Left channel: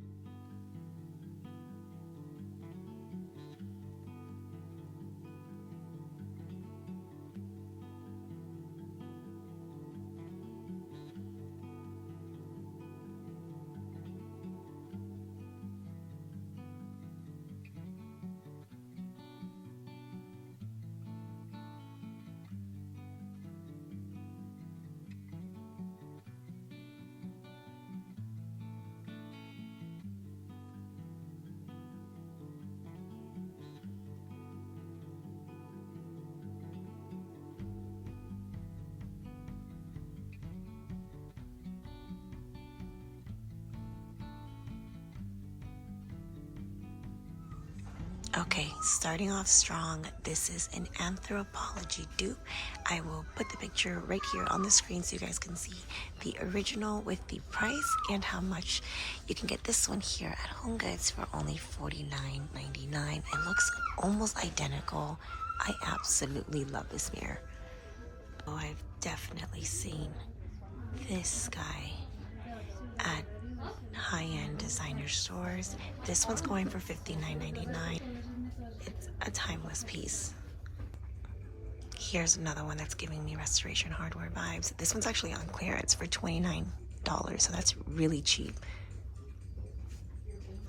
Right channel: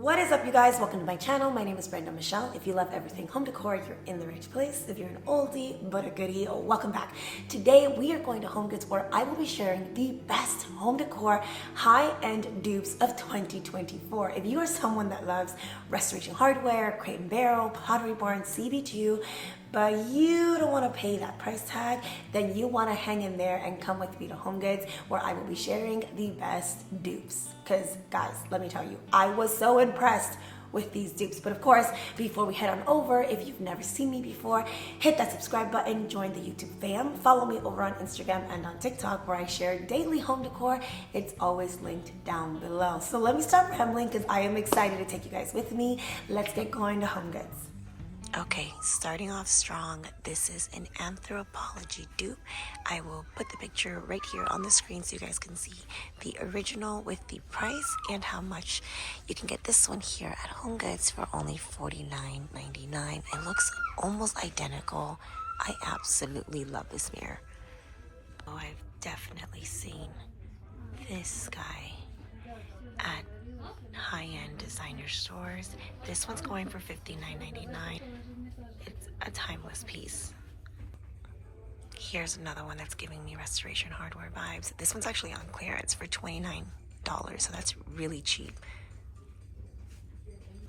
What is up, you guys? Welcome to my channel. My name is Brenda Michelle. If you love everything home decor, you're in the right place. If you're an oldie but a goodie, welcome back. Today we are going to Homegoods, where I will be sharing the best home decor high-end dupes of 2024. If you are someone that loves restoration hardware, crate and barrel, pottery barn, CB2, but you don't want to pay that price tag, then you want to hang in there and come with me to Homegoods, where I will be sharing the best dupes. Because guys, let me tell you, I was so impressed with these dupes. But of course, before we head on over, if you've never seen me before, hit that subscribe button, join the YouTube fam, follow me over on Instagram and on TikTok, where I share daily home decor. It's always linked down below. So let me stop rambling, because I am excited to take you guys with me. Let's get going to Homegoods. Okay, starting off strong, this is an anthropology dupe. I will put the picture right here on the screen so you guys can see the original with the price and how much. You can get this one here at Homegoods for only $49.99. It looks almost identical. I absolutely love this mirror. Oh, I've definitely seen this guy at high-end designer stores. This one's going for $59.99. It's a timeless piece. Here's another one that's giving me restoration hardware vibes. This one's actually on clearance for $29, so that's really cheap.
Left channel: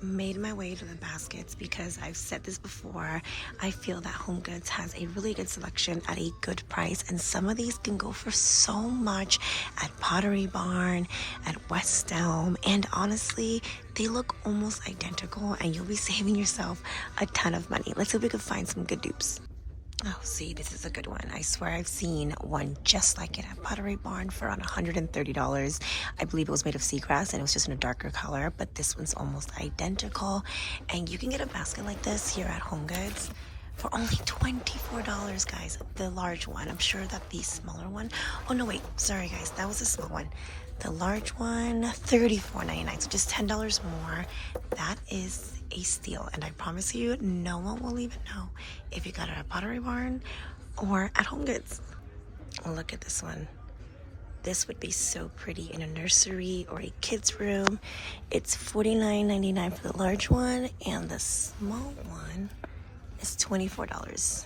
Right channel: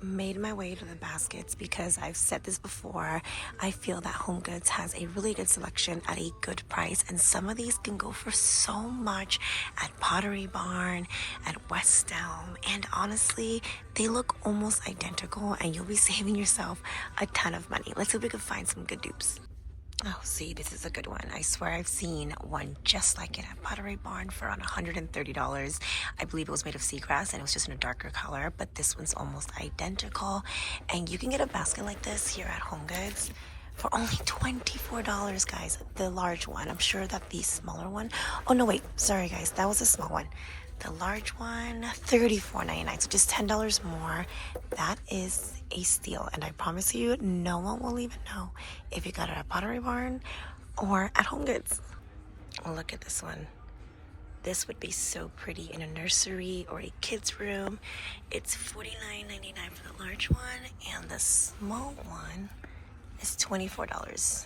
Made my way to the baskets because I've said this before. I feel that Homegoods has a really good selection at a good price, and some of these can go for so much at Pottery Barn, at West Elm, and honestly, they look almost identical and you'll be saving yourself a ton of money. Let's see if we can find some good dupes. Oh, see, this is a good one. I swear I've seen one just like it at Pottery Barn for around $130. I believe it was made of seagrass and it was just in a darker color, but this one's almost identical. And you can get a basket like this here at Homegoods for only $24, guys. The large one. I'm sure that the smaller one... Oh, no, wait. Sorry, guys. That was a small one. The large one, $34.99, so just $10 more. That is a steal, and I promise you, no one will even know if you got it at Pottery Barn or at Homegoods. Look at this one. This would be so pretty in a nursery or a kid's room. It's $49.99 for the large one, and the small one is $24.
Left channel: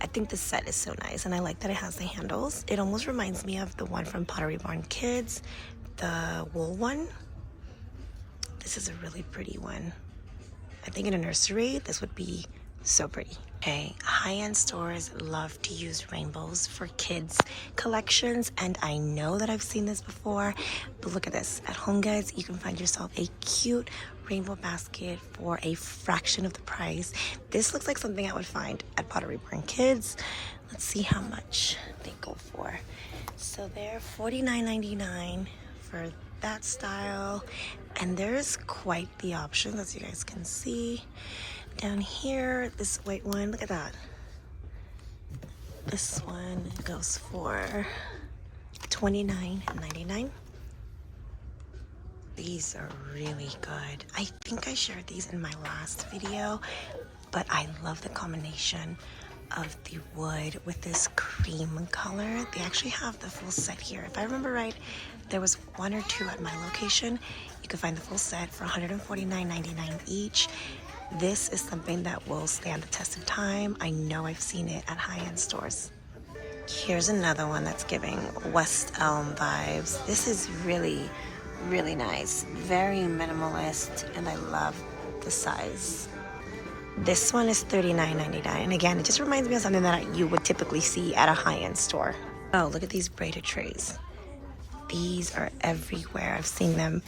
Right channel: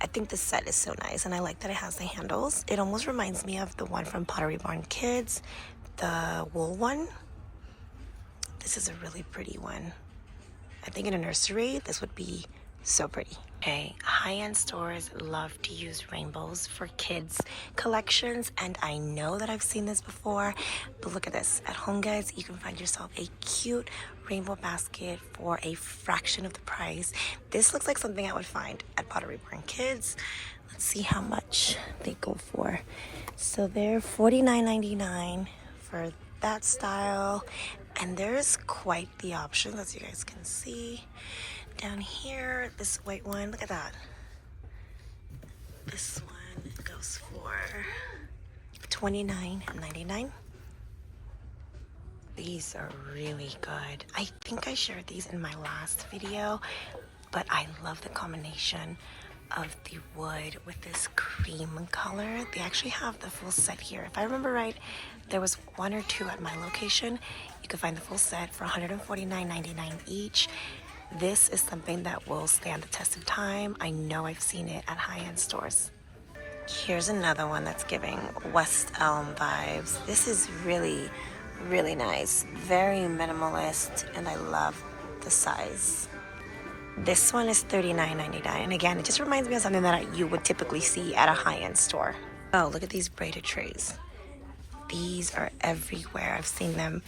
I think the set is so nice, and I like that it has the handles. It almost reminds me of the one from Pottery Barn Kids, the wool one. This is a really pretty one. I think in a nursery, this would be so pretty. Okay, high-end stores love to use rainbows for kids' collections, and I know that I've seen this before, but look at this. At Homegoods, you can find yourself a cute rainbow basket for a fraction of the price. This looks like something I would find at Pottery Barn Kids. Let's see how much they go for. So they're $49.99 for that style, and there's quite the options, as you guys can see. Down here, this white one, look at that. This one goes for $29.99. These are really good. I think I shared these in my last video, but I love the combination of the wood with this cream color. They actually have the full set here. If I remember right, there was one or two at my location. You can find the full set for $149.99 each. This is something that will stand the test of time. I know I've seen it at high-end stores. Here's another one that's giving West Elm vibes. This is really, really nice. Very minimalist, and I love the size. This one is $39.99, and again, it just reminds me of something that you would typically see at a high-end store. Oh, look at these braided trays. These are everywhere. I've seen them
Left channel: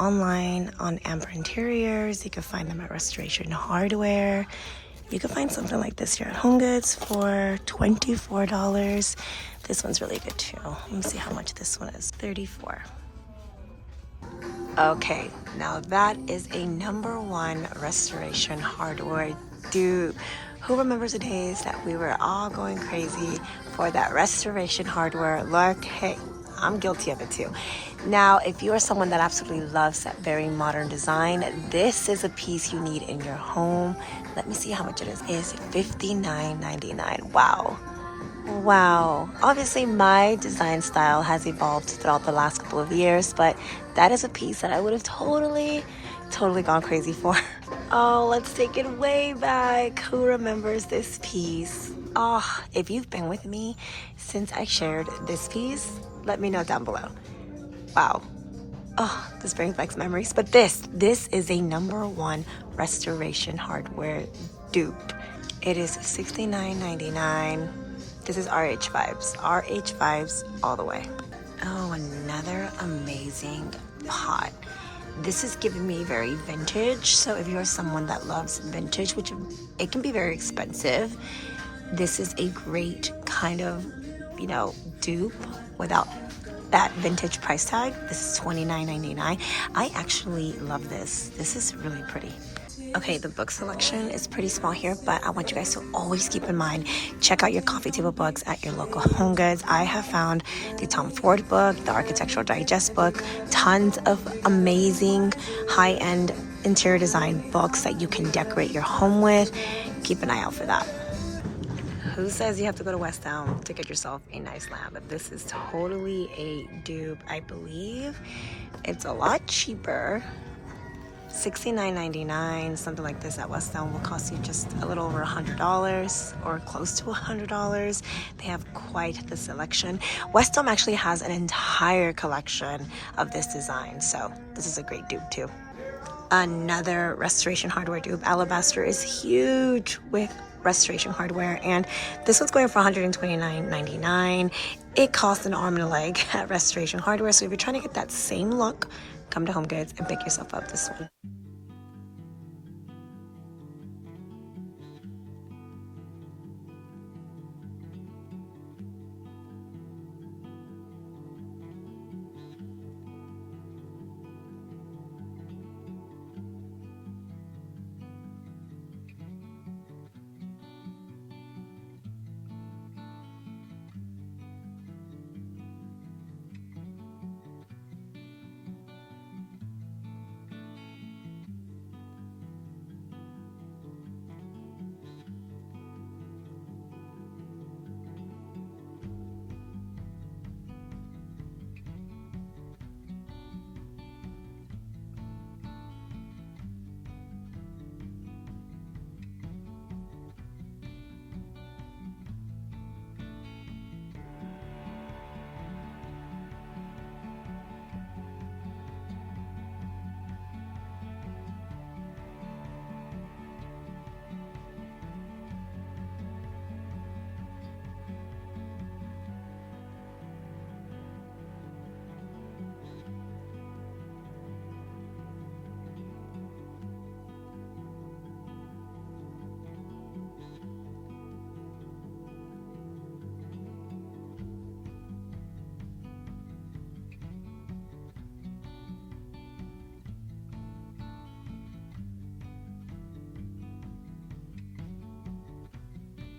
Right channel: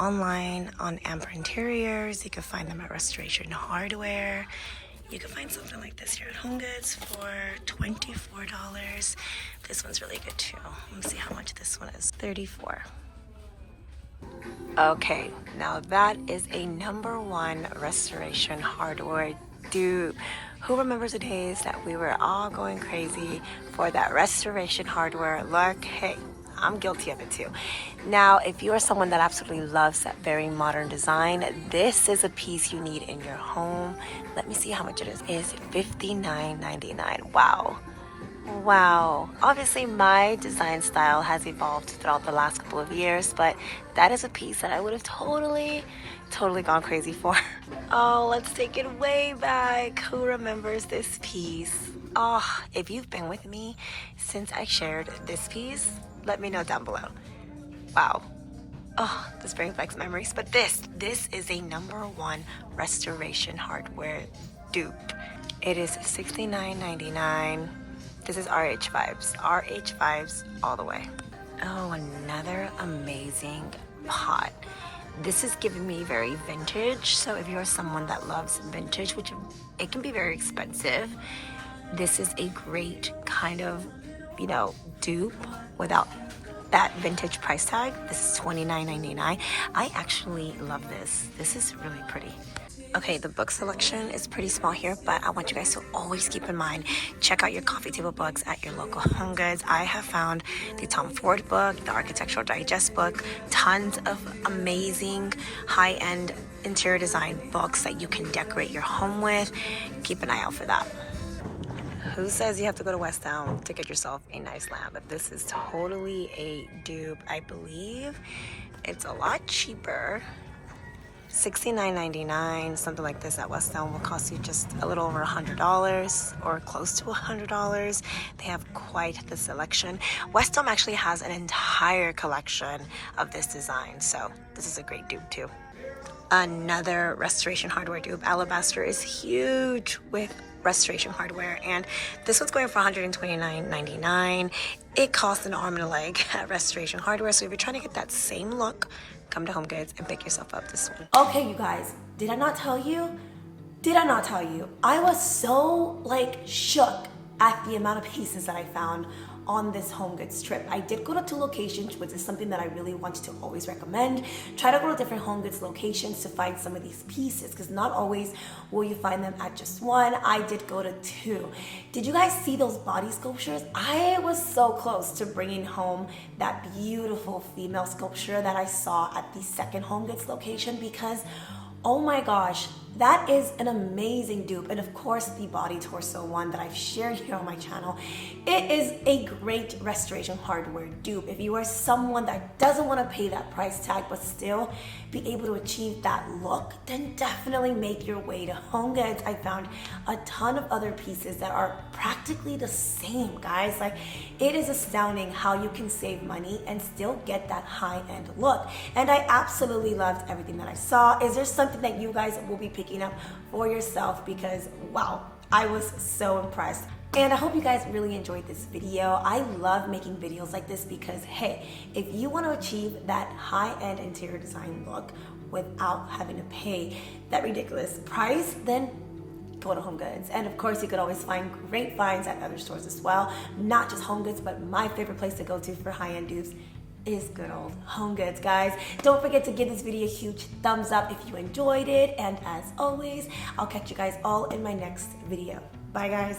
online on Amber Interiors. You can find them at Restoration Hardware. You can find something like this here at Homegoods for $24. This one's really good too. Let me see how much this one is. $34. Okay, now that is a #1 Restoration Hardware dupe. Who remembers the days that we were all going crazy for that Restoration Hardware look? Hey, I'm guilty of it too. Now, if you are someone that absolutely loves that very modern design, this is a piece you need in your home. Let me see how much it is. It's $59.99. Wow. Wow. Obviously, my design style has evolved throughout the last couple of years, but that is a piece that I would have totally totally gone crazy for. Oh, let's take it way back. Who remembers this piece? Oh, if you've been with me since I shared this piece, let me know down below. Wow. Oh, this brings back memories. But this is a #1 restoration hardware dupe. It is $69.99. This is RH vibes. RH vibes all the way. Oh, another amazing pot. This is giving me very vintage. So if you're someone that loves vintage, which it can be very expensive, this is a great kind of, dupe without that vintage price tag. This is $29.99. I actually love this. This is really pretty. Okay, the book selection is pretty small here, but I want you guys to always keep in mind, check out your coffee table books at your local Homegoods. I have found the Tom Ford book, the Architectural Digest book, tons of amazing high-end interior design books that you can decorate your home with. Keep an eye out for that. Who says you have to go to West Elm to get yourself a nice lamp? But this is totally a dupe. I believe it's a lot cheaper. $69.99, something like this at West Elm will cost you just a little over $100 or close to $100. They have quite the selection. West Elm actually has an entire collection of this design, so this is a great dupe too. Another restoration hardware dupe. Alabaster is huge with restoration hardware, and this one's going for $129.99. It costs an arm and a leg at restoration hardware, so if you're trying to get that same look, come to Homegoods and pick yourself up this one. Okay, you guys, did I not tell you? I was so shook at the amount of pieces that I found on this Homegoods trip. I did go to 2 locations, which is something that I really want to always recommend. Try to go to different Homegoods locations to find some of these pieces, because not always will you find them at just one. I did go to 2. Did you guys see those body sculptures? I was so close to bringing home that beautiful female sculpture that I saw at the second Homegoods location, because oh my gosh, that is an amazing dupe. And of course, the body torso one that I've shared here on my channel. It is a great restoration hardware dupe. If you are someone that doesn't want to pay that price tag but still be able to achieve that look, then definitely make your way to Homegoods. I found a ton of other pieces that are practically the same, guys. It is astounding how you can save money and still get that high-end look. And I absolutely loved everything that I saw. Is there something that you guys will be picking up for yourself? Because wow, I was so impressed. And I hope you guys really enjoyed this video. I love making videos like this because, hey, if you want to achieve that high-end interior design look without having to pay that ridiculous price, then go to Homegoods. And of course, you could always find great finds at other stores as well. Not just Homegoods, but my favorite place to go to for high-end dupes is good old Homegoods, guys. Don't forget to give this video a huge thumbs up if you enjoyed it. And as always, I'll catch you guys all in my next video. Bye, guys.